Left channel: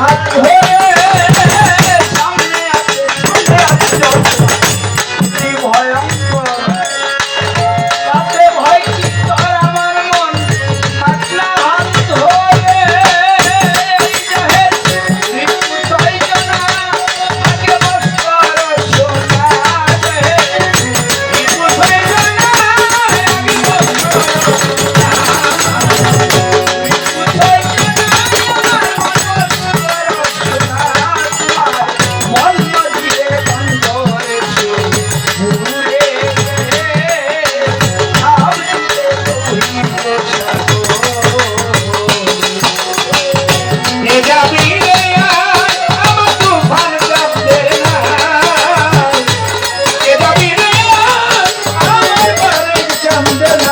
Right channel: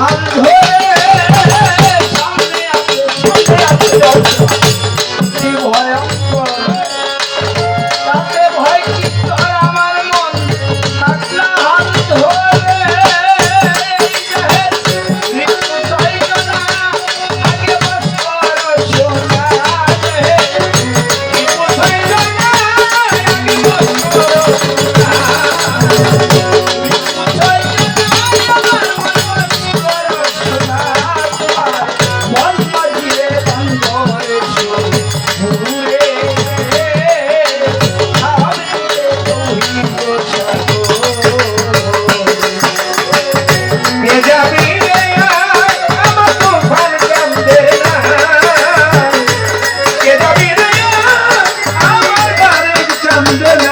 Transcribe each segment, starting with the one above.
হাত ধরে Sunday.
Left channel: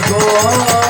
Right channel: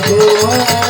多。